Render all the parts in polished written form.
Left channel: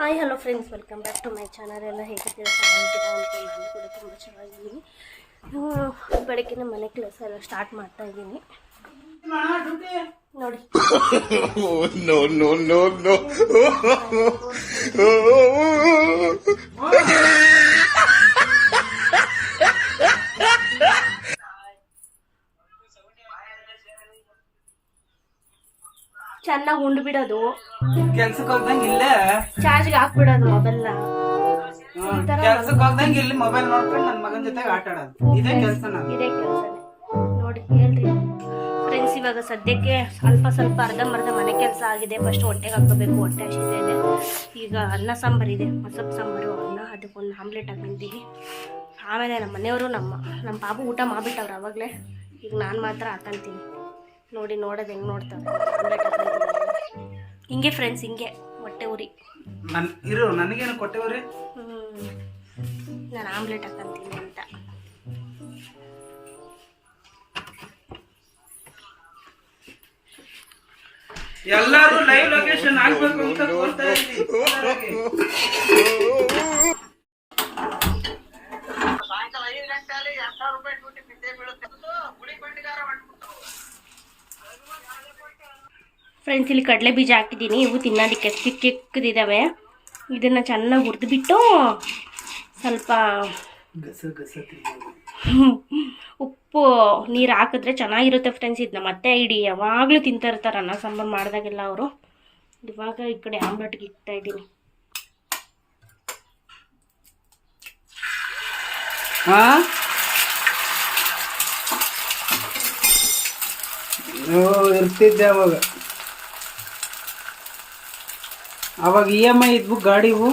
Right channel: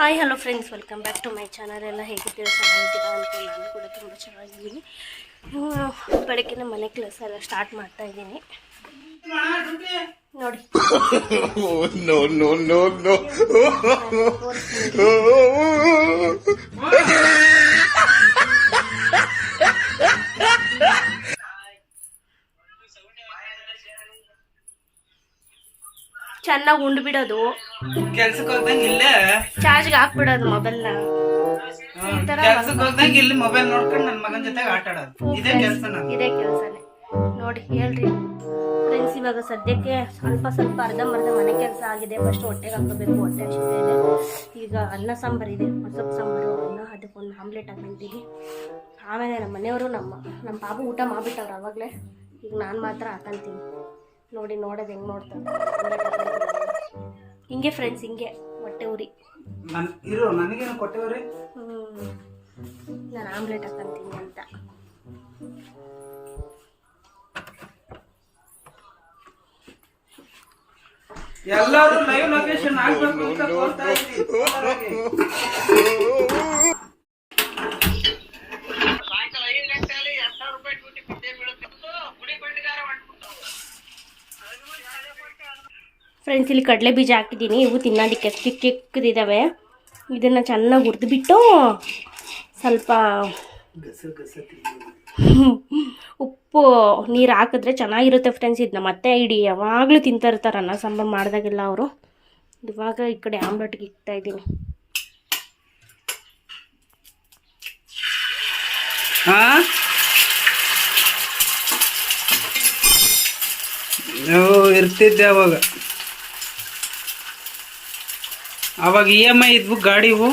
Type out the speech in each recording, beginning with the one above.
Hi hello friends, welcome back to my channel. ಎಲ್ಲ ಹೇಗಿದ್ದೀರಾ? ಚೆನ್ನಾಗಿದ್ದೀರಾ ಅಂತ ನಾನು ಕೂಡ ತುಂಬ ಚೆನ್ನಾಗಿದ್ದೀನಿ. ಬೆಳಗ್ಗೆ ಮನೆ ಕೆಲಸ ಎಲ್ಲ ಸ್ಟಾರ್ಟ್ ಮಾಡ್ತಾ ಇದ್ದೀನಿ ನೋಡಿ. No, no, no, no. ಚೆನ್ನಾಗಿ ಉಂಡು ಬಿಡೋದು, ಕೆಲ್ಸಕ್ಕೆ ಹೋಗ್ದಂಗೆ ಇಲ್ಲೇ ಚಾರ್ಜ್ಗೆ ಹಾಕ್ಬಿಡೋದು ಮೊಬೈಲ್ನ. ಕೆಲ್ಸಕ್ಕೆ ಹೋಗ್ದಂಗೆ ಇಲ್ಲಿ ಮೊಬೈಲ್ ನೋಡ್ಕೊಂಡು ನನ್ನ ಮಗನ ಜೊತೆಗೆ ಆಟ ಆಡೋದು. ಇದೇ ಕೆಲಸ ಇದೇ ಕೆಲಸನೇ ನೋಡಿ. ಹೇಳ್ರಿ ಫ್ರೆಂಡ್ಸ್, ಇವಾಗ ಸದ್ಯಕ್ಕೆ ಸ್ವಲ್ಪ ಅರ್ಧಂಬರ್ಧ ಮನೆ ಕೆಲಸ ಆಗಿದೆ. ಫಸ್ಟ್ ಹೊಟ್ಟೆಗೆ ಹಾಕೋಬೇಕು, ಹೊಟ್ಟೆ ಹಸಿತಾ ಇದೆ. ಈಗ ಅನ್ನ ಸಾಂಬಾರು ಇದೆ, ಮಸೊಪ್ಪು ಸಾಂಬಾರು, ಅನ್ನ, ಅದಕ್ಕೊಂದು ಆಮ್ಲೆಟ್ ಹಾಕೊಂತೀವಿ. ಆಮೇಲೆ ನಮ್ಮ ಮನೆಯವರು ನಮ್ಮ ಪಾಪು ಊಟ ಮಾಡಿಬಿಟ್ಟವ್ರು ಅವಾಗಲೇ. ಈಗ ನಾನು ಮಾತ್ರ ಹಾಕೊಂತೀನಿ ನೋಡಿ. ನೋಡೋದು ಹೆಂಗೆ ನೋಡ್ತಾರೆ ಹಿಂಗೆ ಫ್ರೆಂಡ್ಸ್, ಹಿಂಗೆ ಹೊಟ್ಟೆ ಉರಿ. ನನಗೇನು ಕೊಟ್ಟೆವ್ರಿ. ನಾನು ಆಮ್ಲೆಟ್ ಹಾಕೊಂತೀನಿ ಅಂತ. ಎಲ್ಲರೂ ಲೈವ್ ಲೊಕೇಶನ್ ಹಾಕಬೇಕು ಅಂತ ಕೋರ್ತಾ ಇದ್ದೀನಿ. ಸಾಯಂಕಾಲ 5 ಗಂಟೆಯಲ್ಲಿ 2000 ರೂಪಾಯಿ ಡ್ಯೂಟಿ ಬಿಟ್ಟೇ ಬೀಳುತ್ತೆ. ಗುಡಿ ಬಂಡಿಗಾರ ಮಾಡ್ಬಿಡ್ತಾವೆ ಫ್ರೆಂಡ್ಸ್. ಇಲ್ಲಿ ಕಡಲೆ ಬೀಜ ಹಾಕಿದ್ದೀನಿ. ಇವು ತಿನ್ನೋದಕ್ಕೆ ಚಿಕ್ಕದಿದ್ದಾವೆ. ಇದನ್ನು ಚೆನ್ನಾಗಿ ಹುರಿದ್ಬಿಟ್ಟು ಸ್ವಲ್ಪ ಉಪ್ಪು ನೀರು ಹಾಕಿದ್ರೆ ಚೆನ್ನಾಗಿರುತ್ತೆ ಫ್ರೆಂಡ್ಸ್. ಇದನ್ನ ಮತ್ತೆ ಇಡೀ ಯಾವಾಗಲೂ ತಿಂತಾ ಇರ್ತಾರೆ ಅನ್ನ ಸಾಂಬಾರು ಮಾಡಿದಾಗೆಲ್ಲ ಅವರು. ಇವಾಗ ಈ ಕಡೆ ಆಮ್ಲೆಟ್ಗೆ ಇಕ್ತಾ ಇದ್ದೀನಿ. ಇರ್ತಿದ್ದೆ ಅವಾಗ EMI ಇದ್ವು ಗಾಡಿವು,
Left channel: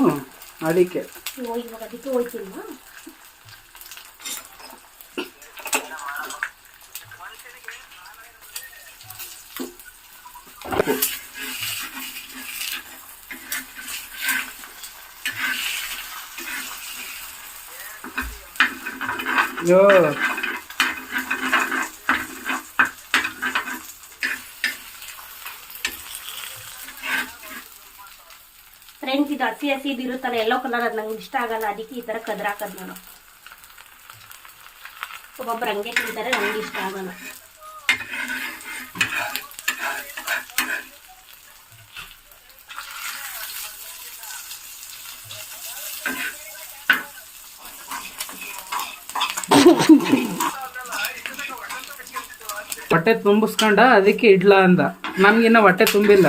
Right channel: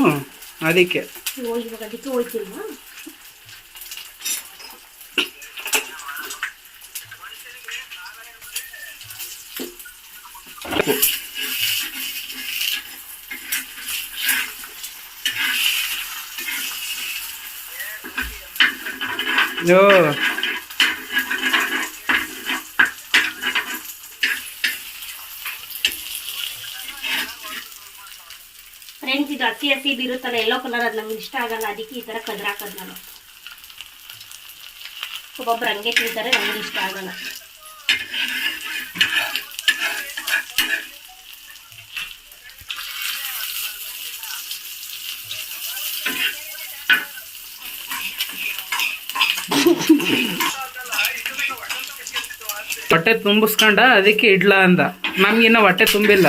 ಅದಕ್ಕೆ ಇವಾಗ ಅದಕ್ಕೆ ಹೋಗ್ತಿಲ್ಲ. ಫ್ರೆಂಡ್ಸ್, ಇದು ಹಸಿ ಇರುತ್ತಲ್ಲ ಎಲ್ಲೋ ಕಲರ್, ಅದು ನಂಗೆ ಇಷ್ಟ ಆಗಲ್ಲ. ಅದಕ್ಕೆ ಈ ಥರ ಕದ್ರ ಹಾಕೋದು ನಾನು. ಒಬ್ಬೊಬ್ರು ಹಂಗೆ ತಿಂತಾರೆ, ನನಗೆ ಇಷ್ಟ ಆಗಲ್ಲ. ಹೊಟ್ಟೆ ತುಂಬಿಸ್ಕೊಂಡ ಅದಕ್ಕೆ ಇಡ್ಲ ಅಂದ. ನಮ್ಗಿನ್ನ ಹೊಟ್ಟೆ ತುಂಬಿಲ್ಲ.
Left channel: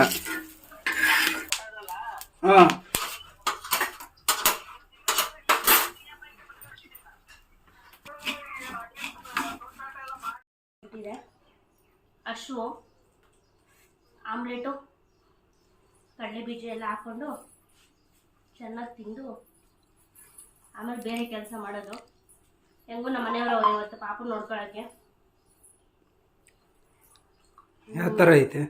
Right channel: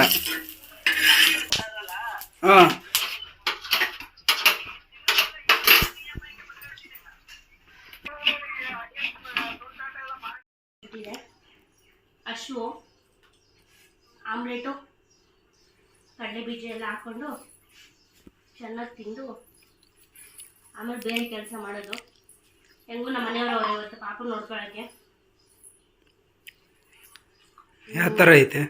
ಅಷ್ಟು ಆಮ್ಲೆಟು ಕಡಲೆ ಬೀಜ ಎಲ್ಲ ಹಾಕ್ಕೊಂಡು ಚೆನ್ನಾಗಿ ತಿಂದು ಆಮೇಲೆ ಬೇರೆ ಕೆಲಸ ಮಾಡೋದು. ಹೆಂಗೂ ನಮ್ಮ ಮನೆಯವರು ಇವತ್ತು ಪಾಪ ನೋಡ್ಕೊಳ್ಳೋಕ್ಕೆ. ಯಾವ ಥರ ಐತೆ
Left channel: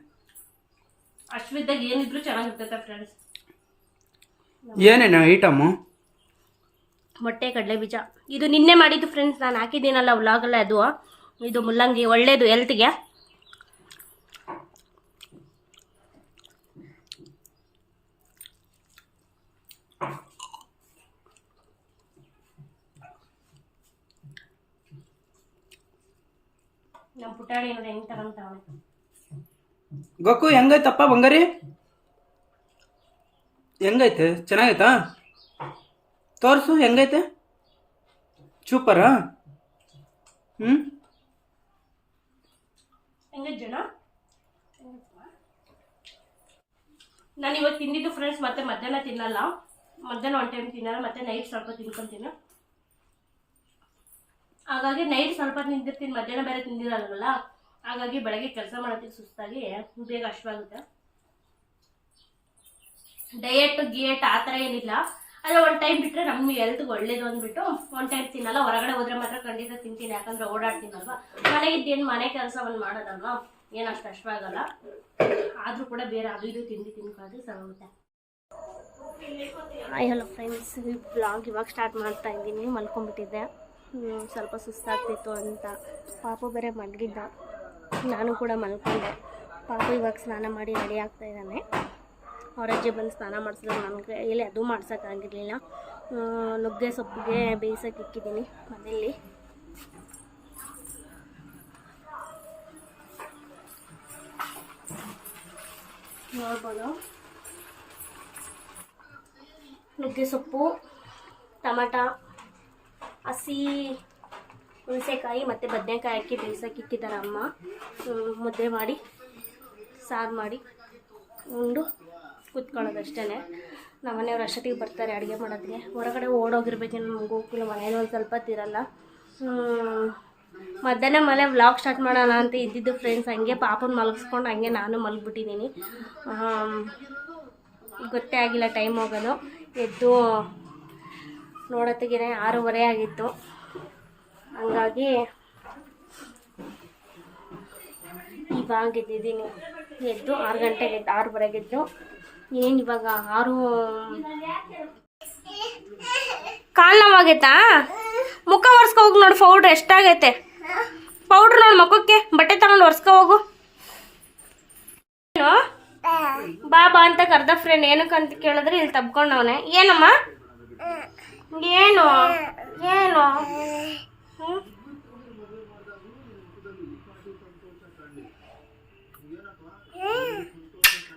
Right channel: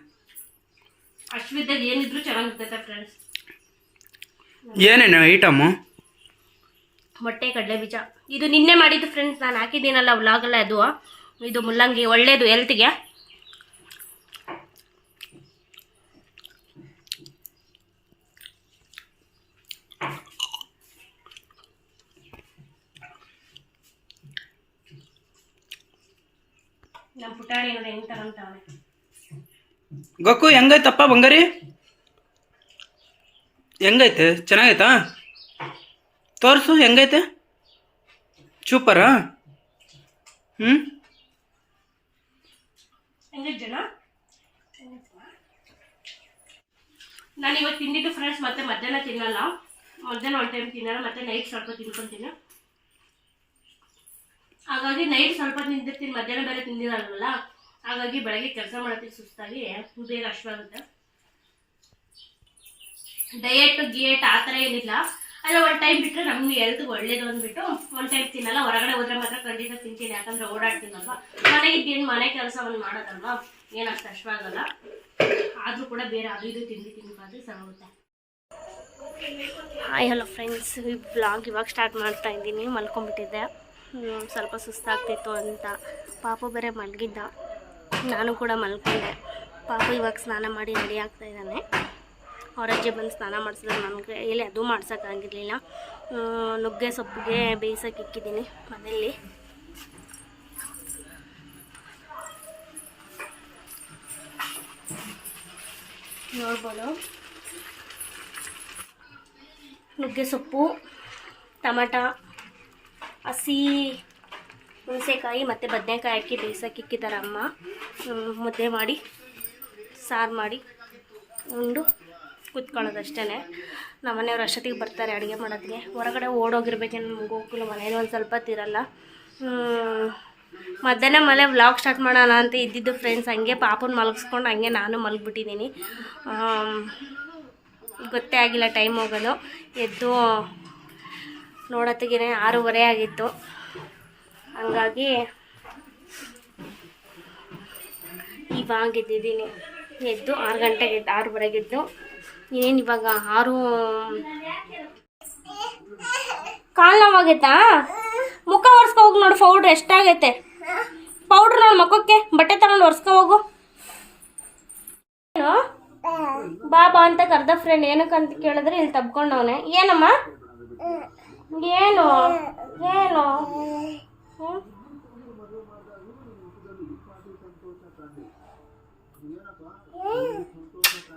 ಅಶ್ವಿದ್ದಾಗ ಏನಿದ್ರು ಚೆನ್ನಾಗಿರ್ತೈತೆ ಫ್ರೆಂಡ್ಸ್. ಏನೇನು ಐಟಮು? ಮೊಟ್ಟೆ, ಕಡಲೆ ಬೀಜ. ಇದು ನಿನ್ನೆ ಮಾಡಿದ್ದು ಫ್ರೆಂಡ್ಸ್, ನಾನು ಹಾಕಿದ್ದೀನಲ್ಲ ವ್ಲಾಗಲ್ಲ, ಅದು ಇದು ಮುಲ್ಲಂಗಿ ಒಳ್ಳೇದು ಹೆಲ್ತ್ಗೆ. ನಮ್ಮ ಪುಟಾಣಿ ನೋಡಿ ಹೆಂಗೆ ತಗೊಂತಾವನೆ. ಗೊಕ್ಕು ಹೆಂಗೈತಪ್ಪ ಬಂಗಾರಿ? ಹೆಂಗೈತೆ? ಚೆನ್ನಾಗೈತಾ? ತೋರಿಸು ಹೆಂಗೈತೆ. ಸೂಪರಾ? ನಾನು ಇವತ್ತು ತಿಂದಿದ್ದು ಫ್ರೆಂಡ್ಸ್, ಮತ್ತೆ ಮಧ್ಯಾಹ್ನ ತಿನ್ನಲ್ಲ. ಮಧ್ಯಾಹ್ನ ಒಂದು ಟೈಮ್ ತಿನ್ನಲ್ಲ, ಮತ್ತೆ ನೈಟ್ ಸ್ವಲ್ಪ ತಿನ್ಕೊತೀನಿ. ಹಾಗಾಗಿ ನೈಟ್ ಸ್ವಲ್ಪ ತಿಂದಿರ್ತೀನಿ, ಮಧ್ಯಾಹ್ನ ಬೇರೆ ತಿಂದಿರಲ್ವಲ್ಲ. ಹಾಗಾಗಿ ಬೆಳಗ್ಗೆ ಕೆಲಸ ಮಾಡೋದಕ್ಕೆ ಸುಸ್ತಾಗಿ ಬೇಗ ಅಶ್ವಾಗುತ್ತೆ. ಡಯಟ್ ಗಿಯೇಟ್ ಆ ಥರ ಏನಿಲ್ಲ. ಅದೇ ಒಂದು ಟೈಮ್ ಬಿಟ್ಟರೆ ನಮ್ಗೆ ಹೆಲ್ತ್ಗೆ ಒಳ್ಳೇದು ಅಂದ್ಬಿಟ್ಟು ಒಂದು ಟೈಮ್ ತಿನ್ನಲ್ಲ. ಹೊರಗಡೆ ಹೋದ್ರೆ ಮಾತ್ರ ಖಂಡಿತ ತಿಂತೀನಿ, ಯಾಕಂದರೆ ಓಡಾಡ್ತೀನಲ್ವ. ಮನೆಗಿದ್ದೇನು ಮನೆ ಕೆಲಸವನ್ನು ಮಾಡೋದಲ್ವ, ಏನಷ್ಟು ಅಶ್ವಾಗಲ್ಲ. ಆದರೂ ಕೂಡ ಬೇರೆ ಅದು ಇದು ತಿನ್ಕಾದ್ರೆ ಸರೋಗುತ್ತೆ. ಹಾಯ್ ಹಲೋ ಫ್ರೆಂಡ್ಸ್, ಈ ಬ್ಲಾಗ್ ಇವಾಗ ಸ್ಟಾರ್ಟ್ ಮಾಡ್ತಾ ಇದ್ದೀನಿ. ಮಲ್ಕೊಂಡ್ಬಿಟ್ಟಿದ್ದೆ, ಸ್ವಲ್ಪ ಸುಸ್ತಾಗ್ತಿತ್ತು ಅಂತ. ಪಾಪು ಬೇರೆ ಮಲಗಿದ್ದ, ನಾನು ಕೂಡ ಮಲ್ಕೊಂಡೆ. ಪಾಪು ಇವಾಗ ಸ್ನಾನ ಮಾಡಿ ರೆಡಿ ಆಗ್ತಾ ಇದ್ದಾನೆ. ಅವ್ರ ಅಜ್ಜಿ ಬಂದು ಸ್ನಾನ ಮಾಡಿಸಿದ್ರು. ನನಗೆ ಇಲ್ಲಿ ಅದು ಮಾಡ್ಸೋಕ್ಕಾಗಿರಲಿಲ್ಲ. ನುಗ್ಗೆ ಸೊಪ್ಪಿಗೆ ಬೇಯಿಸೋಕೆ ಇಕ್ಕಿದ್ದೀನಿ ಮನೆಯಲ್ಲಿ. ನೋಡ್ಬೋದು, ನುಗ್ಗೆ ಸೊಪ್ಪು, ಟೊಮಟ, ಹಸಿ ಹುಣಸೆಕಾಯಿ ಮತ್ತು ಬದನೆಕಾಯಿ ಹಾಕಿ ಬೇಯಿಸೋಕೆ ಇಕ್ಕಿದ್ದಾರೆ ಅಮ್ಮ. ಮುದ್ದೆ ಮಾಡಿ ಸಾರು ಮಾಡಿ ಉಂಡು ಕೂತ್ಕೊಳ್ಳೋದಷ್ಟೇ. ನಮ್ಮ ಮನೆಯವ್ರು ಅಷ್ಟೊತ್ತಿಗೆ ಬರ್ತಾರೆ ಅಡುಗೆ ಮಾಡೋದಕ್ಕೆ. ಹೊರಗಡೆ ಓಡೋಗಿರ್ಬೇಕು, ನಮ್ಗೆ ಹೋಗಿಲ್ಲ, ಮನೇಲಿ ಒಂದು ಸ್ವಲ್ಪ ತಿರಲ್ಲ. ಮಧ್ಯಾಹ್ನ ಮೇಲೆ ವ್ಲಾಗ್ ಸ್ಟಾರ್ಟ್ ಮಾಡೋಣ ಅಂತ ಇದ್ದಿದ್ದು ಫ್ರೆಂಡ್ಸ್. ಹಂಗೆ ಪಾಪನ ಮಲಗಿಸ್ಕೊಂಡು ಹಂಗೆ ನಾನು ಮಲಗಿಬಿಟ್ಟಿದ್ದೀನಿ. ಗೊತ್ತೇ ಆಗಿಲ್ಲ ಟೈಮ್ ಹೋಗೋದು. ಎದ್ದು ನೋಡೋತ್ತಿಗೆ 6:30 ಆಗಿತ್ತು. ಹಂಗಾಗಿ ಇವಾಗ ಎದ್ದಿದ್ದೀನಿ. ಎದ್ದು 6 ಗಂಟೆಗೆ 6:30 ಎದ್ದು ಏನು ಇವಾಗ 6 ಕಾಲು ನೋವಾಗೈತಾ? ಮುಖ ಒರೆಸ್ಕೊ ಹೋಗಿ ನೋಡು, ಪೌಡ್ರ್ ಎಷ್ಟಾಗೈತೆ. ಪೌಡ್ರ್ ನೋಡಿ ಮುಖಕ್ಕೆ, ಬಟ್ಟೆ ತಗೊಂಡು ಒರೆಸ್ಕೊ ಹೋಗು. ಏನು ಬಾಬಾ ಅಂತ ಕರ್ದ ಫ್ರೆಂಡ್. ಏನಕ್ಕಂತ ಕೇಳಿದ್ರೆ ಇಲ್ಲಿ ತಬ್ಕೊಂಡವನೆ. ಏನಮ್ಮ ಏನು ಏನು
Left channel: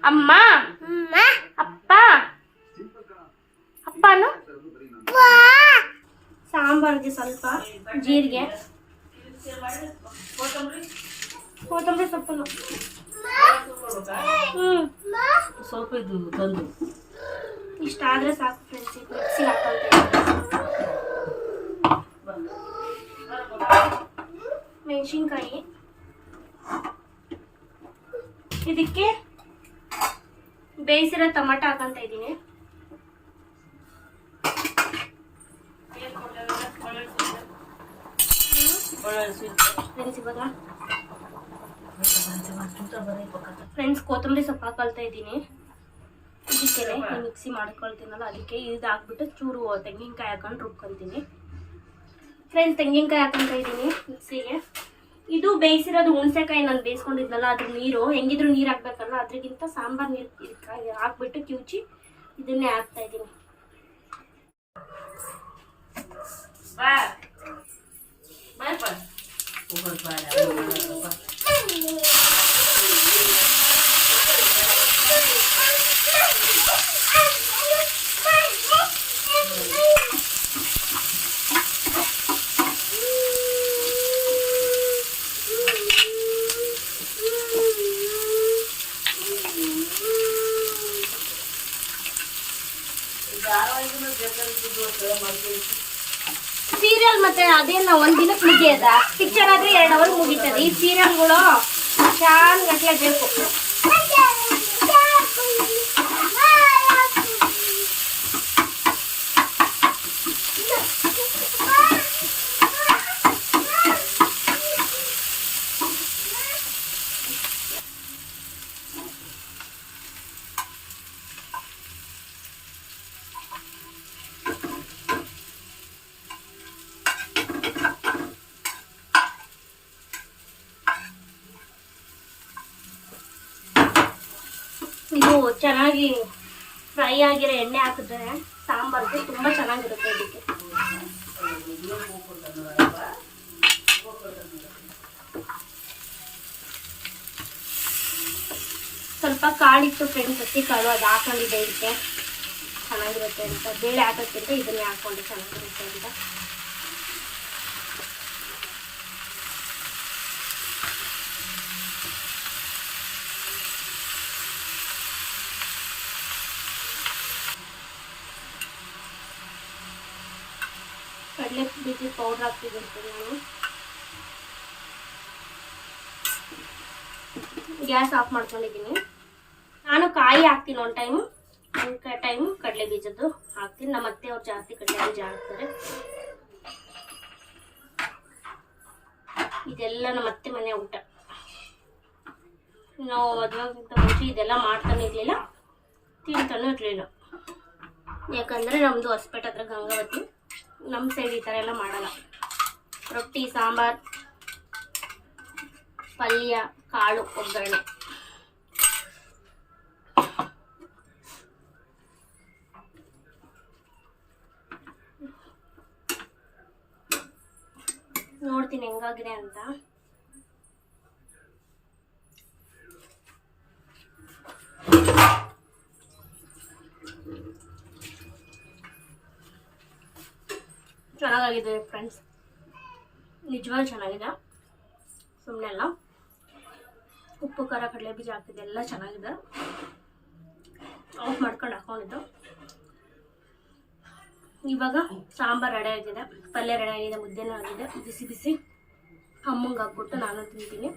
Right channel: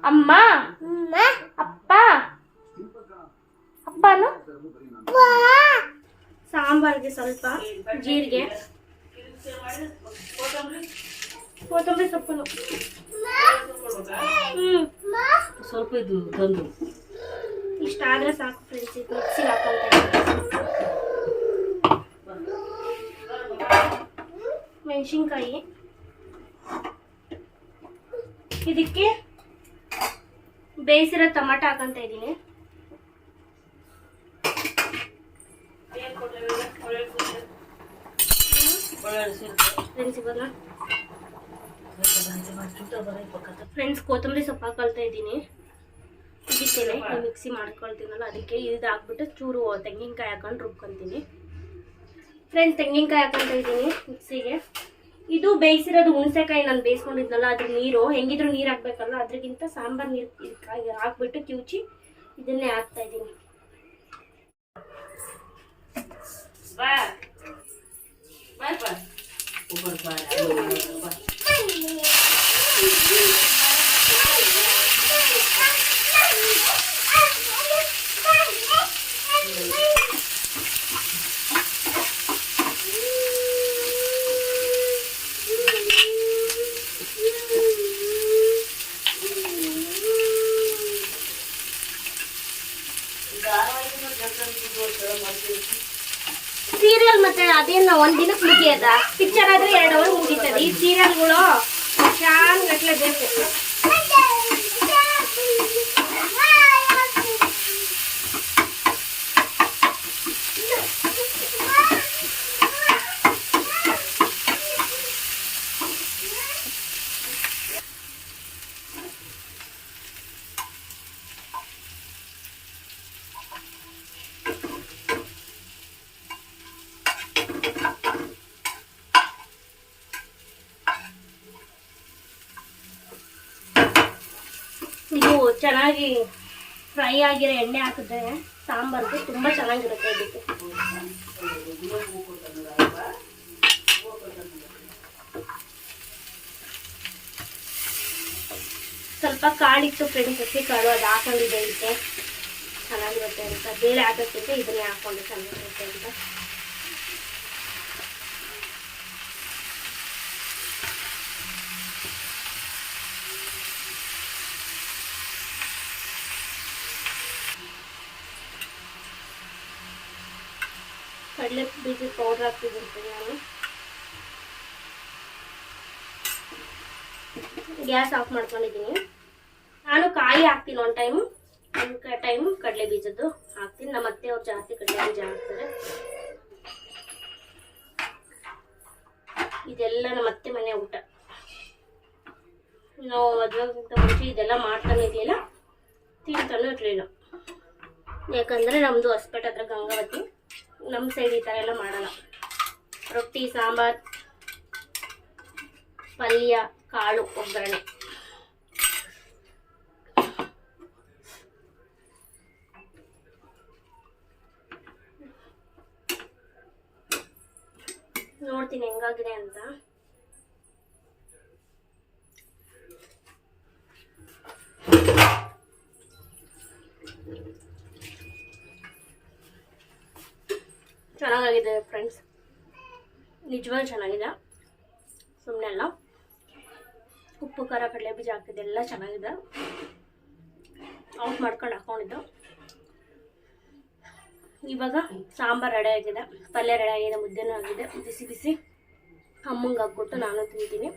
ಅಮ್ಮ ಅಪ್ಪ ಅಪ್ಪನು ಸಾಂಬಾರಿಗೆ ಸ್ವಲ್ಪ ಜೀರಿಗೆ, ಕೊತ್ತಂಬರಿ ಸೊಪ್ಪು ಸ್ವಲ್ಪ ಇದು ತಂದು ಇಷ್ಟ ಆದರೆ ಸಾಕು ಫ್ರೆಂಡ್ಸ್. ಮಿಕ್ಸಿ ಹಾಕೊಳ್ತೇನೆ. ಮೆಣಸಿನ್ಕಾಯಿ, ಇದಕ್ಕೆ ಬೇಯಿಸಿರೋ ಟೊಮಟೊ ಹಾಕೊಂತ ಇದ್ದೀನಿ. ಫ್ರೆಂಡ್ಸ್ ಕೊತ್ತಂಬರಿ ಸೊಪ್ಪು ಹಾಕೊಳ್ತಾ ಇದ್ದೀನಿ. ಇದಕ್ಕೇನೆ ಮಿಕ್ಸಿ ಮಾಡ್ಕೊಳ್ತೀನಲ್ಲ, ಅದಕ್ಕೆ ಇದು ಹಾಕ್ಬಿಟ್ಟು ಚೂರು ತೆಂಗಿನಕಾಯಿ ಹಾಕೊಂಡು ರುಬ್ಕೊತೀನಿ. ಫ್ರೆಂಡ್ಸ್ ತೆಂಗಿನಕಾಯಿ ಹಾಕೊಳ್ತಾ ಇದ್ದೀನಿ ಮಿಕ್ಸಿಗೆ. ಇದು ಬೇಯಿಸಿರೋದು ಹುಣಸೆಕಾಯಿ ನಾನು ಬೇಯಿಸ್ಕೊಂಡಿದ್ನಲ್ಲ, ಅದ್ರ ನೀರು ಹೆಂಗಿದ್ರು ನೀರು ಹಾಕ್ಬೇಕಲ್ಲ, ಅದ್ರಗಿಂತ ಸಾಂಬಾರು ನೀರು ಹಾಕ್ಬಿಟ್ಟು ಕಿವುಚಿ ಇದನ್ನೇ ಹಾಕ್ತಾ ಇದ್ದೀನಿ. ಸೀರಿಯಲ್ ಮತ್ತೆ ಅದೇನ ಒಂದಿನಕ್ಕೆ ಮುಗಿಯದ, ಪಿಕ್ಚರ್ ಆದ್ರೆ 2 ಅವರ್ ಮುಗೀತದೆ. ಈ ಸೀರಿಯಲ್ಗಳು ಶಾನ್ ಗಟ್ಲೆ ಬೇಕು. ಇದು ಚೆನ್ನಾಗಿ ಫ್ರೈ ಆಗಿರೋ ಎಣ್ಣೆ ಹಾಕಿದ್ರೆ ಸಾಂಬಾರ್ಗೆ ತುಂಬ ಚೆನ್ನಾಗಿರುತ್ತೆ. ಇದಕ್ಕೆ ಸ್ವಲ್ಪ ಕಾಳಿತ್ತು ಫ್ರೆಂಡ್ಸ್, ಹಸಿ ಕಾಳು ಅದು ಹಾಕೊಂಡಿದ್ದೆ. ಇದಕ್ಕೆ ಚೆನ್ನಾಗಿರುತ್ತೆ ಅಂತ ಬೇಳೆ ಹಾಕೋಕ್ಕಿಂತ ಇದನ್ನೇ ಹಾಕೊಂಡು ಚೆನ್ನಾಗಿರುತ್ತೆ ಅಂತ. ಕಡಲೆ ಬೀಜ ಪೌಡ್ರ್ ಹಾಕ್ತಿದ್ದೀನಿ ನಾನು. ಗ್ಯಾಸ್ ಆಫ್ ಮಾಡ್ಕೊಂಡಿದ್ದೀನಿ. ನಾನು ಕಾಯಿ ಹಾಕ್ತೀನಿ ಒಂದು ಟೈಮು ಕಡಲೆ ಬೀಜದ್ದು ಹಾಕ್ತೀನಿ. ನಮ್ಮ ಅತ್ತೆ ಅವ್ರು ಜಾಸ್ತಿ ಕಡಲೆ ಬೀಜ ಹಾಕ್ತಾರೆ. ಇದೆಲ್ಲ ನಮ್ಮ ಅತ್ತೆ ಮನೆ ಊಟ. ನಾವು ಮದುವೆಗಿಂತ ಮುಂಚೆ ಇದೆಲ್ಲ ಮಾಡ್ತಾನೆ ಇರಲಿಲ್ಲ, ತಿಂತಾನೂ ಇರಲಿಲ್ಲ. ಯಾಕಂದರೆ ನಮ್ಮದು ಹೊಸಪೇಟೆ ಹತ್ರ ಗಂಗಾವತಿ, ನಮ್ಮ ಸೈಡ್ ಈ ಥರ ಎಲ್ಲ ಮಾಡಲ್ಲ. ರೊಟ್ಟಿ, ಸಾಂಬಾರು, ಪಲ್ಯ, ಕಾಳು, ಒಗ್ಗರಣೆ. ನೋಡ್ತೀನಿ ಹೆಂಗಾಗಿದೆ ಅಂತ. ಚೆನ್ನಾಗಿದೆ ಫ್ರೆಂಡ್ಸ್, ನಿಜವಾಗ್ಲೂ ಚೆನ್ನಾಗಿದೆ. ಸುಮ್ಮನೆ ಅಲ್ಲ, ಉಪ್ಪು ಖಾರ ಕಡಲೆ ಬೀಜ ಹಾಕಿದೆ, ಎಲ್ಲ ಚೆನ್ನಾಗಿದೆ. ಆಫ್ ಮಾಡ್ಕೊಂಡು ಹಾಕೊಂಡಿದ್ದು. ಇವಾಗ ಸಾಂಬಾರು ರೆಡಿ ಆಗಿದೆ, ಪಲ್ಯ ರೆಡಿ ಆಗಿದೆ, ಮುದ್ದೆನೂ ಆಗಿದೆ. ಬಿಸಿ ಬಿಸಿ ಅಮ್ಮಂಗೆ ಹಾಕ್ಬಿಟ್ಟು ನಾನು ತಿಂತೀನಿ.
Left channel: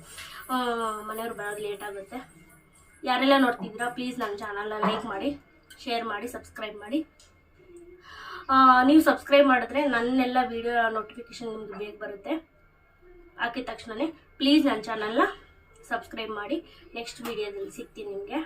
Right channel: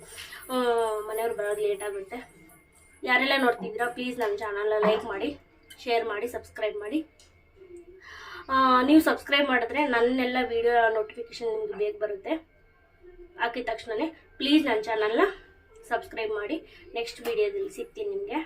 ಮನೆಯವ್ರು ಬರೋದು ಲೇಟ್ ಆಗುತ್ತೆ. ಯಾರೆಲ್ಲ ನೋಡ್ತಿದ್ದೀರಾ ಪ್ಲೀಸ್ ನನ್ನ ಚಾನಲ್ನ ಲೈಕ್ ಮಾಡಿ, ಶೇರ್ ಮಾಡಿ, ಸಬ್ಸ್ಕ್ರೈಬ್ ಮಾಡಿ. ನೀವು ಸಬ್ಸ್ಕ್ರೈಬ್ ಮಾಡಿದ್ರೆ ನನ್ನೆಲ್ಲ ವೀಡಿಯೋ ನೋಟಿಫಿಕೇಷನ್ ನಿಮ್ಗೆ ಬೇಗ ಬರುತ್ತೆ. ಹಾಕಿದ ತಕ್ಷಣವೇ ಪ್ಲೀಸ್ ನನ್ನ ಚಾನಲ್ನ ಸಬ್ಸ್ಕ್ರೈಬ್ ಮಾಡಿ. ನೆಕ್ಸ್ಟ್ ವೀಡಿಯೋದಲ್ಲಿ ಸಿಗ್ತೀನಿ ನಿಮಗೆ.